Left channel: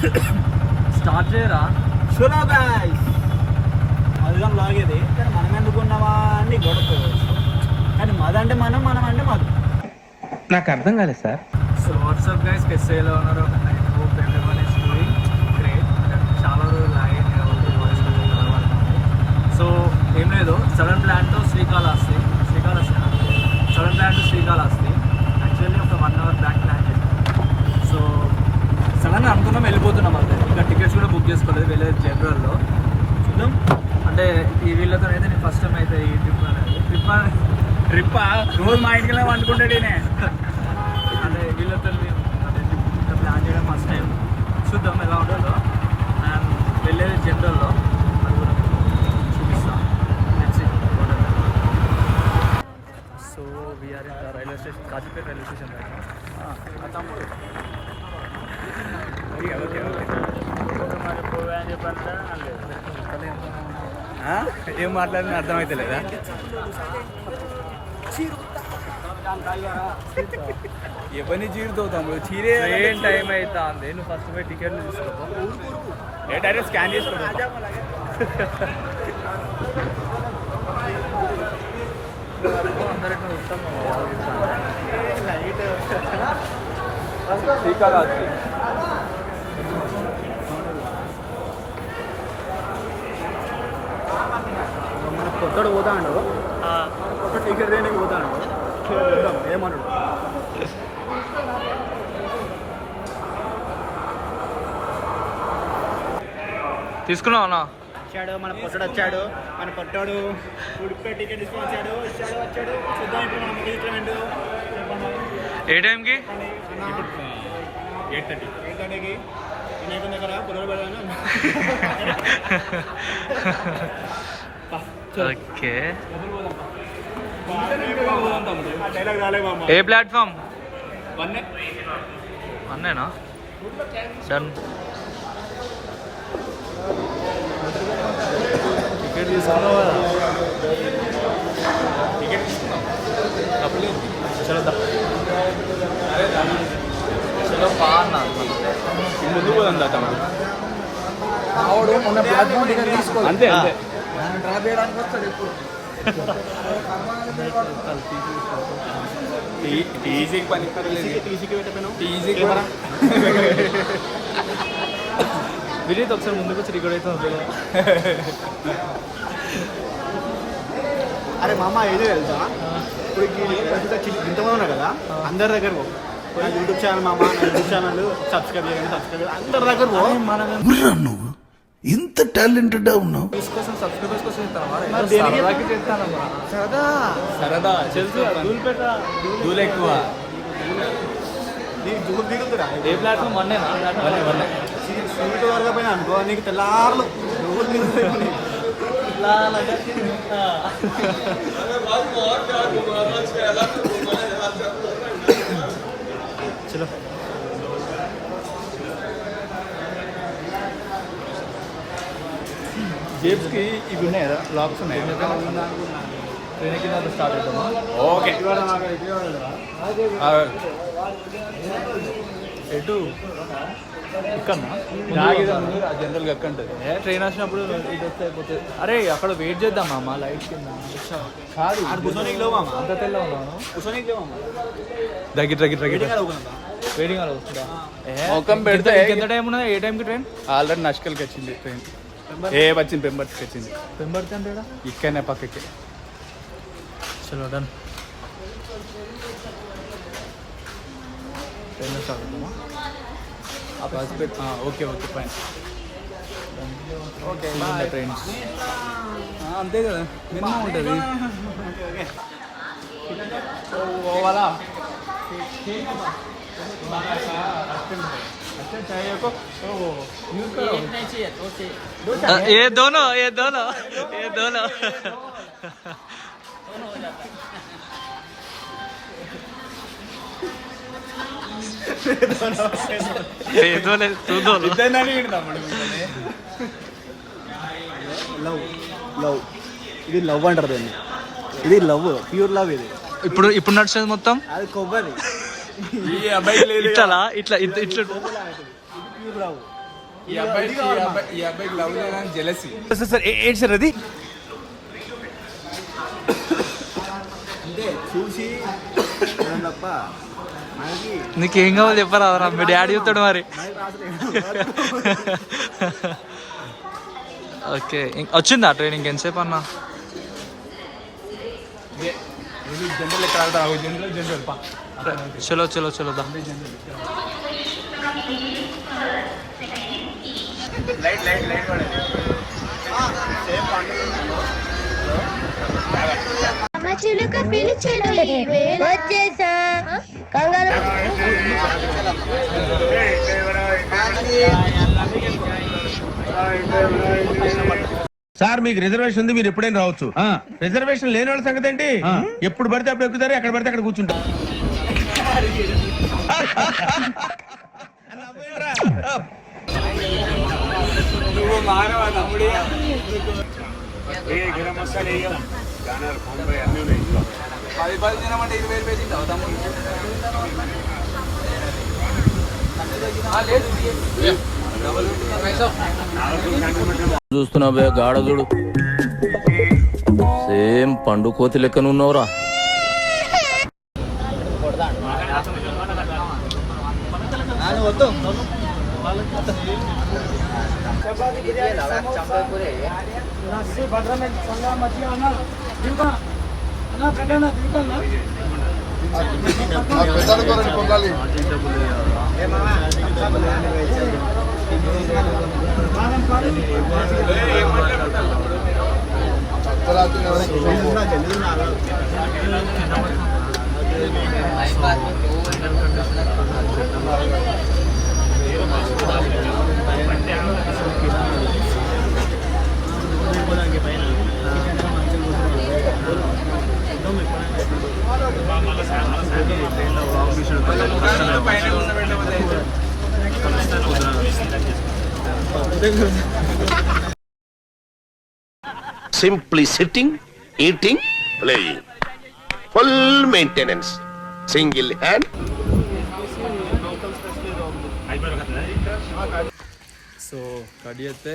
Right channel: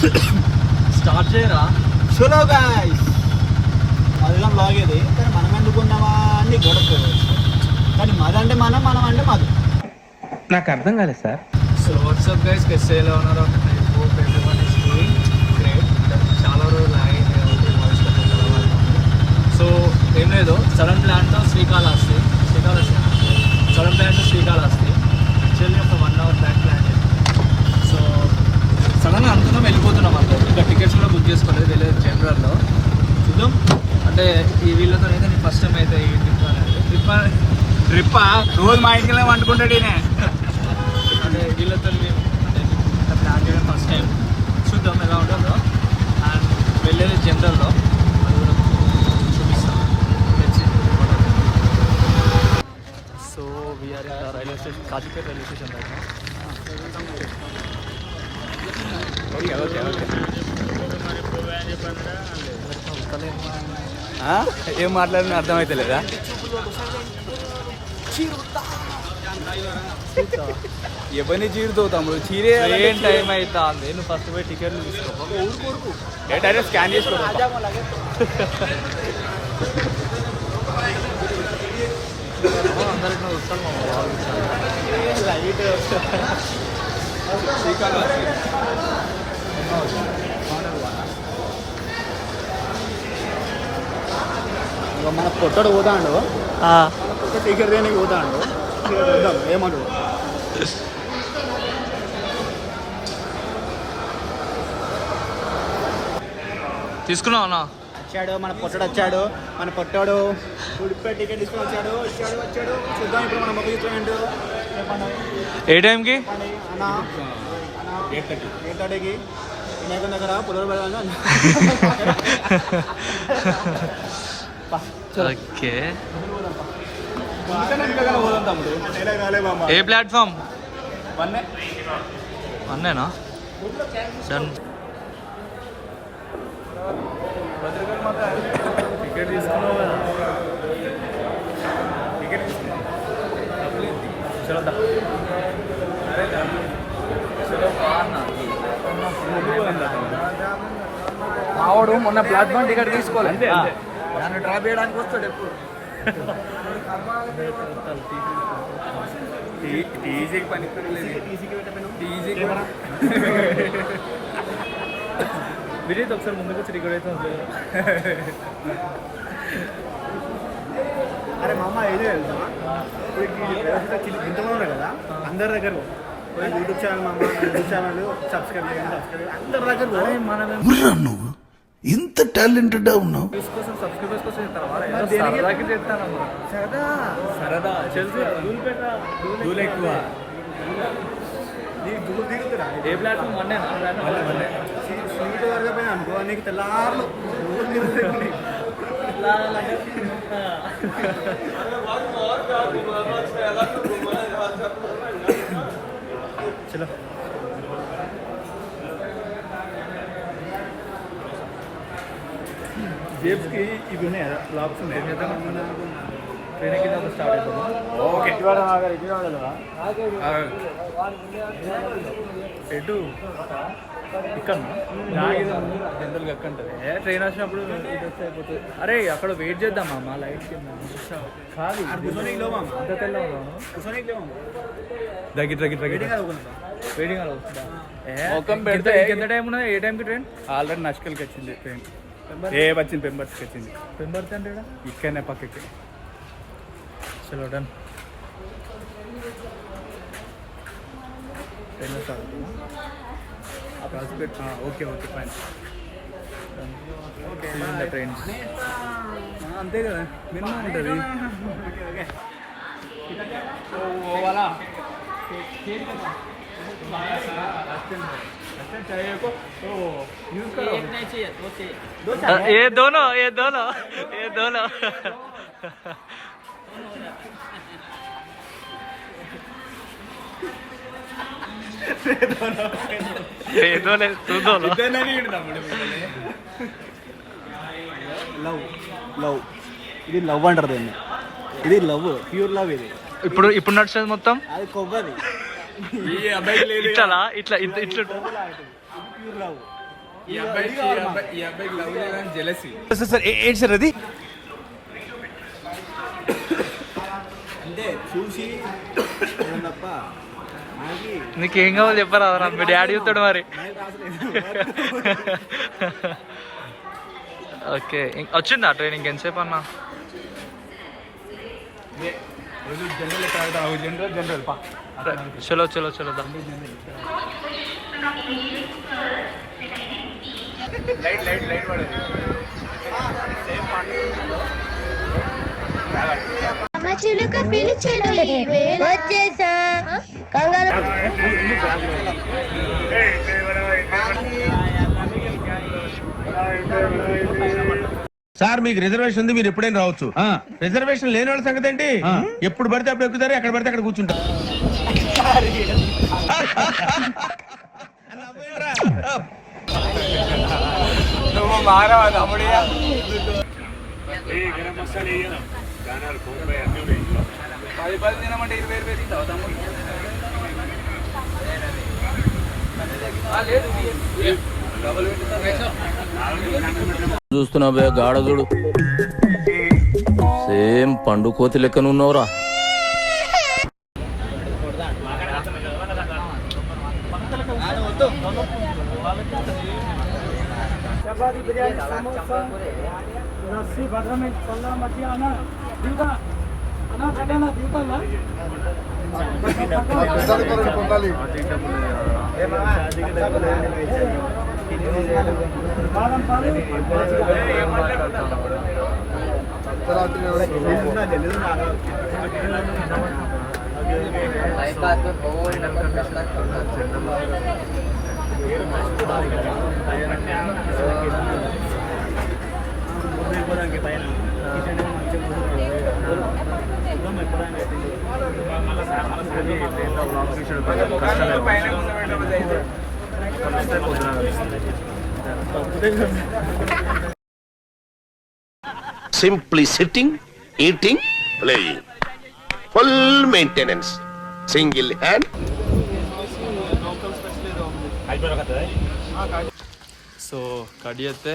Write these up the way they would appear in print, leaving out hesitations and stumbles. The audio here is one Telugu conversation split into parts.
స్టార్ట్ చేయరా. చలో గాయ్స్, మధురం లాగేది కానీ మనం ఎందుకున్నామా అని గొడవ. కానీ మదంటే మనం, మనం అంటే మధు. నాకు అర్థం కాలేదు సార్. సో వాట్సాప్ గైస్, ఎస్ఏలో ఉన్నారు. I hope everyone is doing great. చాలా రోజులు అయింది కాబట్టి వాయిస్ కొంచెం కలవాలి. సో ఏం లేదు, సడన్ ప్లాన్తో శ్రీకాళహస్తి యాక్చువల్లీ ఒక 1 hour బ్యాక్ ప్లాన్ చేస్తాం. సో సడన్గా అనుకున్నాం వెళ్ళిపోతున్నాం అంతే. ఇంకా టికెట్స్ కూడా బుక్ చేసుకోలేదు, వెళ్ళేది జనరల్లో. చూద్దాం, అంటే ఈ వీళ్ళతో అయితే నేను ఫస్ట్ టైం అయితే ఈ ట్రిప్ అనేది ట్రిప్ రోజు మా ఇంటికి వండుకుంటాడు ఈయన. అదే వీళ్ళతో మేము అంటే ఇంత ప్లాన్ చేయడం ఫస్ట్ టైం. చూద్దాం ఎలా ఉంటుందో. అండ్ వెళ్ళేది జనరల్లో, అది కూడా చూపిస్తాం. So we are in railway station, Kazipet railway station right. ఏం మాట్లాడినా అర్థమైతే లేదా? ఎవరిని చీరుతాము? చీరే ఏం టైం అవుతా అంది. నువ్వు ఫస్ట్ పోయి టికెట్లు తీసుకోపో. డైరెక్ట్ స్కాన్ చేసుకో. అందరికి వస్తాను మా బాబు ఇస్తాను. మన పొట్టడు పోతాడు, పొట్ట టికెట్ దేనికి పోతాడు. ఏమన్నాడు? తీసుకున్నావా? వచ్చాడు మన పొట్టడు, వచ్చాడు మన పొట్టాడు. ఉడిపే టికెట్ తీసుకొని వచ్చాడు. చూద్దాం ఇప్పుడు మన మొక్క చిత్రం. ఏ టైంకి? 8:30కి వినాయకుని దగ్గర పుల్లలు పెడదాం. ఓకే, ఏ ప్లాట్ఫామ్? వన్నేనా? డన్. టికెట్ తీసుకున్నావా? చలో చలో బాగున్నా. మొన్న ప్లాట్ఫామ్ టికెట్ తీసుకోవాలి అంతే. డ్రాప్ చేయడానికి వస్తాడు ఎప్పుడు. టీసీకి పని విజయ్ ఒకసారి ముందుకు వచ్చి టికెట్ అయితే ఉంటుంది. అరే మామ ఏదో వెళ్తా ఇంతగా ఉన్నా కదా, అందరి దగ్గర యూట్యూబ్ ఛానల్ మామ, యూట్యూబ్ ఛానల్ సబ్స్క్రైబ్ అందరి దగ్గర నువ్వు ఇంత టాలెంటెడ్ ఉన్నావు. కోసం సబ్స్క్రైబర్స్ కోసం సరదాకి చేస్తానమ్మా. సరదా తెలుసు. ధూళిపేట ధూళి ఎక్కువ. ఏ ప్లాట్ఫామ్? వన్నేనా? సీటు వరకు పోయినా అనుకో, నీకు తెల్లారులు చలో. జేబ్స్కి ఇవి ఉన్నాయి కదా, లాక్స్ ఉన్నాయి. ట్రైన్ కింద స్టార్ట్ అవుతామా? ఓకే. ఎటు ఇక్కడనా? జనరల్గా ఎక్కడ ఉంటుంది. ట్రైన్ వచ్చినప్పుడు అయిపోతుంది. అరే అక్కడ వెయిట్ చేద్దామా మా లైట్ కింద? అంత తెల్ల ఉన్నాను. వెయిటింగ్ అలా వస్తుందా? ఎంత టైం ఉన్నది? ఏ టైంకి ట్రైన్? ఆల్రెడీ నష్కల్కి వచ్చింది ట్రైన్. వచ్చింది పెంబర్స్కి వచ్చింది. పెంబర్తి అంటే ఇక్కడనే పక్కకి. చలో డన్. ట్రైన్ స్టార్ట్ అవుతామా? Okay okay fine. ట్రైన్ అంతే కదా, మినిమం ఉంటుంది. ये दोनों లవ్ ఇది లవ్ అంటారు దాన్ని. ఇది లవ్, ప్యూర్ లవ్. ఇది ఇప్పుడు నడిచేది మొత్తం అది కొవ్వది. ఇట్లా ఇట్లా ఇట్లా ఇది ప్యూర్ లవ్. ఈ అబ్బాయికి లవ్ జెలసీ. సార్ ఏంటి సార్ అది? అంటే చూసి తప్ప మనకి నీకేం కావాలి చెప్పరా మీ డాడీ చెప్తాడు మరి. ఓకే వచ్చిందా ట్రైనింగ్ ఎంతసేపు అన్నా? చలో చలో చలో దా. చిలుక పిలిచెను వచ్చేసా కంగారు. సార్ మీకు రిజర్వేషన్ ఉంది, మీరు ఎప్పుడైనా రావచ్చు. రిజర్వేషన్ లేని వాళ్ళ సంగతి ఏంటి? ఎప్పుడు పడితే అప్పుడు ఎక్కుతారు, ఎక్కడ పడితే అక్కడ కూర్చుంటారు. నువ్వు మారవా తమ్ముడి? పది తినమంటే 20 రూపాయలు తింటావు తమ్ముడు? చూస్తున్నావే గాఢదుడు సేమ్ పండు కోతి లెక్కనున్నావురా. Simply sitting, eating, playing. Full maintenance. Single hand. So కడి అయితే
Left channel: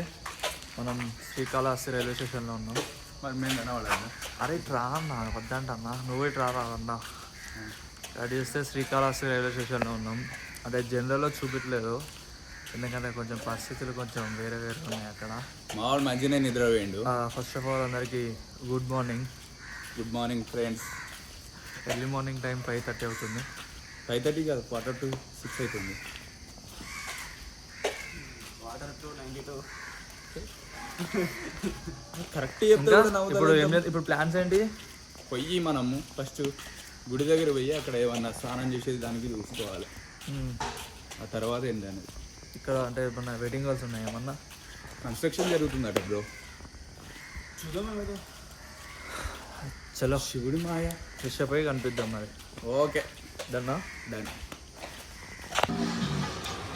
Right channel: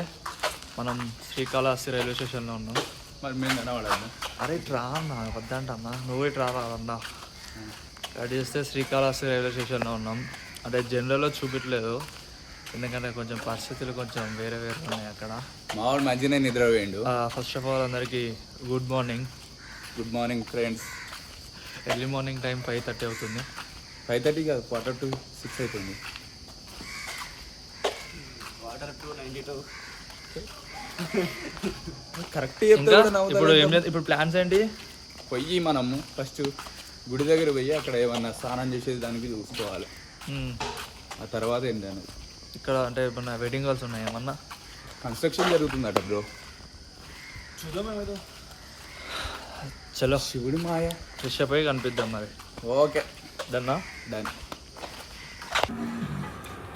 మనం శ్రీకాళహస్తి రైల్వే స్టేషన్లో ఉన్నాం. మరి మేము తినవాడు. అరే ట్రా అన్నా వద్దంట అన్న, నువ్వే ట్రా అన్నా. కడి చేస్తే శ్రీకాళహస్తి రైల్వే స్టేషన్లో ఉన్నాం. అంటే జనరల్లో చూపించలేదు, ఎందుకంటే కొంచెం పరిస్థితులు కొంచెం వేరే వేరే ఉన్నాయి అక్కడ. మావాడు మంచిగా నిద్ర పోయిండు. ఫస్ట్ ఆఫ్ ఆల్ అందరికీ good morning. Good morning friends. Early morning time 5:30 అవుతుంది. 5:30 కాదు, 5:45 అవుతుంది. కరెక్ట్ ఇంకా ఇప్పుడు ఏం లేదు. ఇప్పుడు ప్లాన్స్ ఏంటి? పోయి మనము ఫస్ట్ గుడి దగ్గర పోయి అక్కడ ఏమన్నా స్నానం చేసేది దానికి చూసుకోవాలి. ఆ తర్వాత ఏంటనేది ఇక్కడ అంటే ఏమన్నా వెడ్డింగ్ హాల్స్ ఉన్నాయి ఏమన్నా? కన్స్ట్రక్షన్ జరుగుతుందట బ్రో. చలో శివుడి మాయ. ఫ్రెష్ అప్ అయి కనిపిద్దాం మరి. ఓకే డన్నా డన్.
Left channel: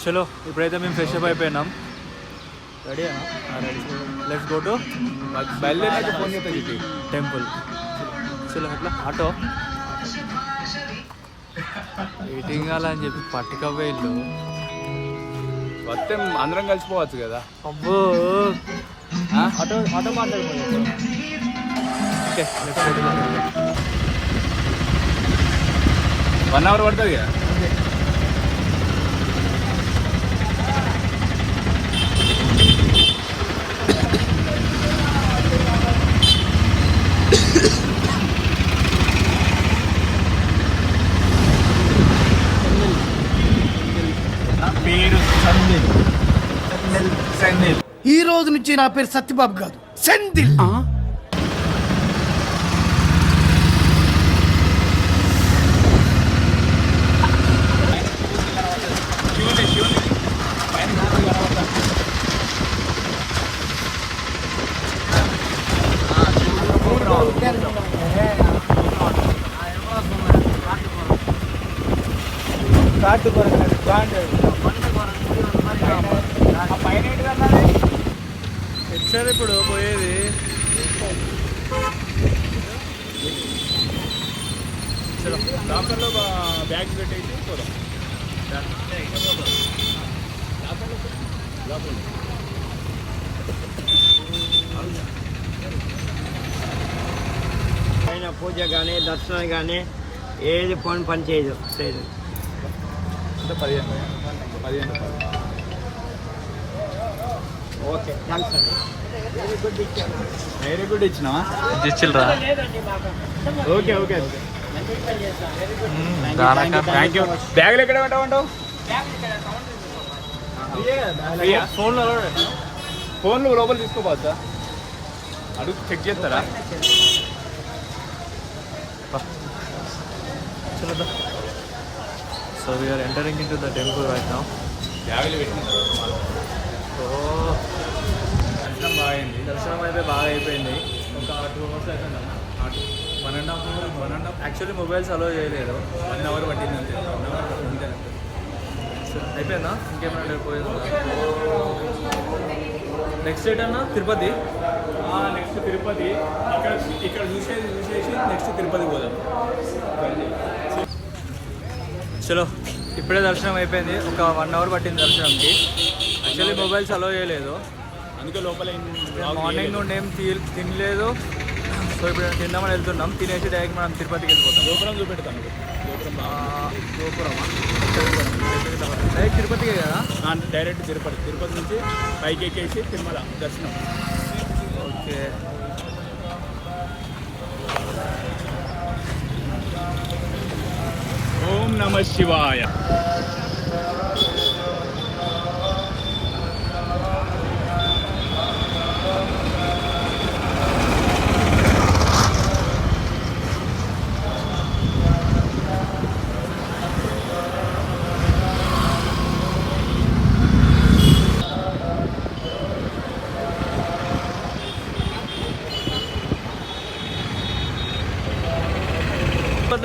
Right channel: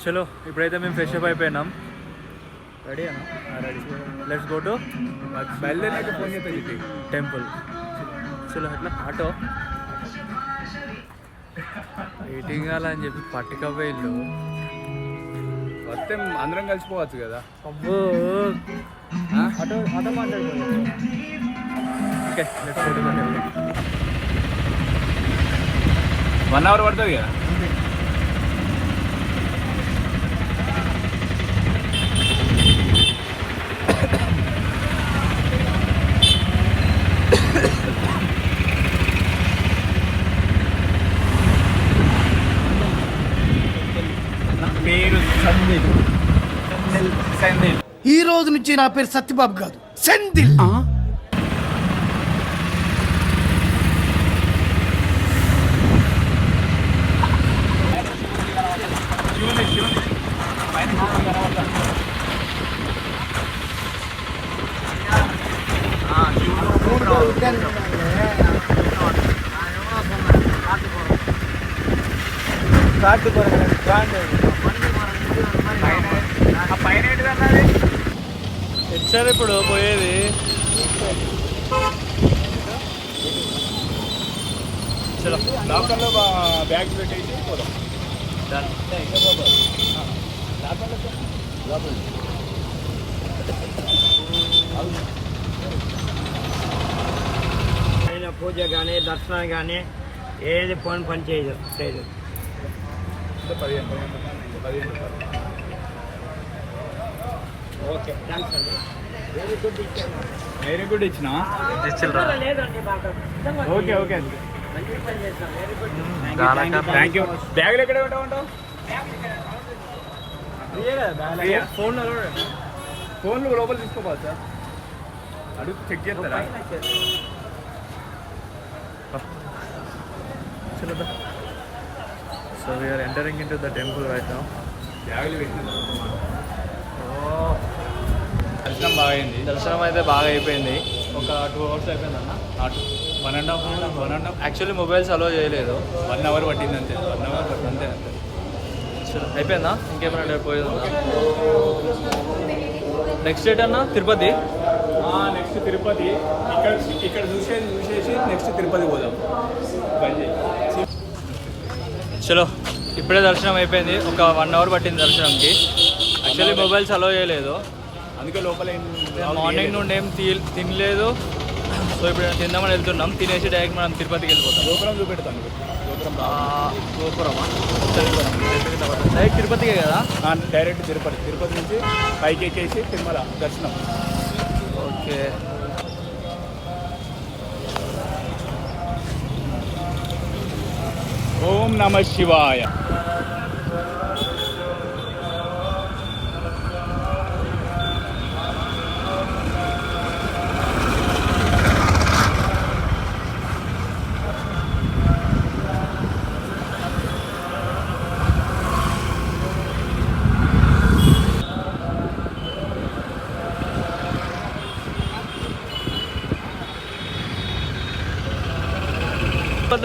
చలో ఇప్పుడైతే మేము ఫ్రెష్ అప్ అయిపోయినాం. రెడీనా? లెట్స్ గో టు బయలుదేరి ఫోన్ చేస్తా చెప్పి టెంపుల్. చలో ఎట్లా ఆటో వెయిటింగ్ కావాలని చెప్పి పట్టుకపోయి ఇల్లు. వస్తే అందరం కలిసిపోవచ్చు కదా. అబ్బో ఆటో ఆటో మాట్లాడిపోయాడు. Okay let's go to the temple. 1 hour పడుతుంది కదా. ఈ రోజు నుంచి నా పేరు సత్యబాబు కాదు, సెందిల్. ఎచ్చారు ఇప్పుడు పోయేది. చలో లాకర్లో బ్యాగ్ పెట్టేసి పోదాం. పూజ కానీ దర్శనం కానీ ఏది పని చేయదు ఓకే థ్యాంక్స్ అండి వెరీ గుడ్ ఇచ్చిన ఇచ్చిల్రా ఓకే థ్యాంక్ యూ బ్యాగులు ఎక్కడ పెట్టమంటావు ఫోన్లు లోపల తీసుకోపోవచ్చా అడుగు చెక్ చేస్తారా So we are entering into the temple right now. బ్యాగులు పెట్టిన దర్శనం బాగా అయింది. దర్శనం అయితే బాగా అయిపోయింది. ఒక 2 hours అయిపోయింది అన్న. 1.5 యాక్చువల్లీ మొబైల్స్ అలో చేయలేదు. 1 hour పట్టింది అంతే 1 hour పట్టింది అంతే అయిపోయిందా? ఇంకేమైనా పోయిందా? నెక్స్ట్ డేట్ అన్న తిరుపతి. నెక్స్ట్ తిరుపతి ఇక్కడ చూసేసి నెక్స్ట్ తిరుపతి పోదాం. చలో ఇప్పుడే దర్శనం అయిపోయింది. ఒక 1 hour పట్టింది దర్శనంకి. యాక్చువల్లీ మొబైల్స్ అలో చేయలేదు. అందుకే లోపల మార్నింగ్ నుండి ఏం తినలేదు. సో ఇప్పుడు తిందామని వెళ్తున్నాం. తినేసి డైరెక్ట్ మనం తిరుపతికి వెళ్ళిపోతాం. గోపురం చూపెడతాను గోపురమా డైరెక్ట్ తిరుపతికే కదా? డైరెక్ట్ తిరుపతి నుంచి పైకి ఎక్కేసి తిరుమల దర్శనం. ఓకే ఓం నమ శివాయ.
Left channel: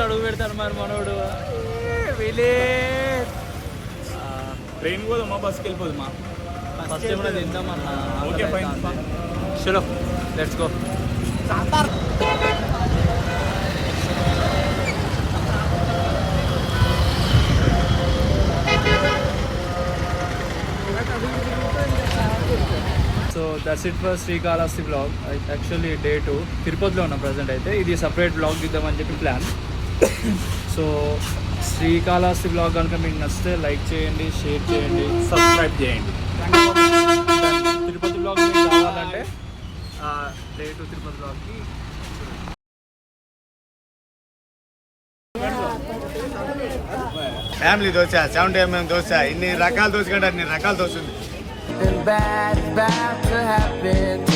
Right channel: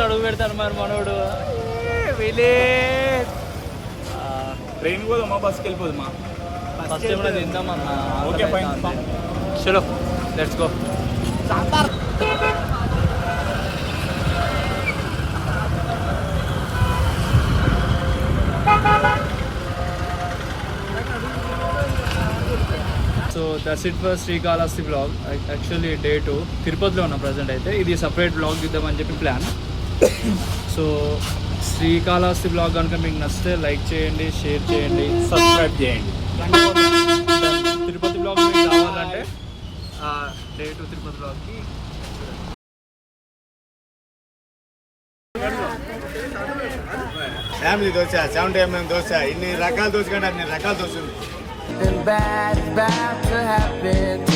అడుగు పెడతాను మరి మనోడు. ట్రైన్ పోదమ్మా బస్కి వెళ్ళిపోదమ్మా ఫస్ట్ ఏమైనా తిందామన్నా. Okay fine. చలో let's go. So that's it for Srikalahasti blog. Actually day 2 తిరుపతిలో ఉన్న ప్రజెంట్ అయితే. ఇది సపరేట్ బ్లాగ్ ఇద్దామని చెప్పి ప్లాన్. సో శ్రీకాళహస్తి బ్లాగ్ కనుక మీకు నచ్చితే లైక్ చేయండి, షేర్ చేయండి, సబ్స్క్రైబ్ చేయండి. తిరుపతి బ్లాగ్ మీకు కావాలంటే డే 2 తిరుపతి బ్లాగ్కి ఫ్యామిలీ దోశ 70mm దోశ ఇన్ని రకాల దోశ కంటే అన్ని రకాల dosa Something bad about to happen.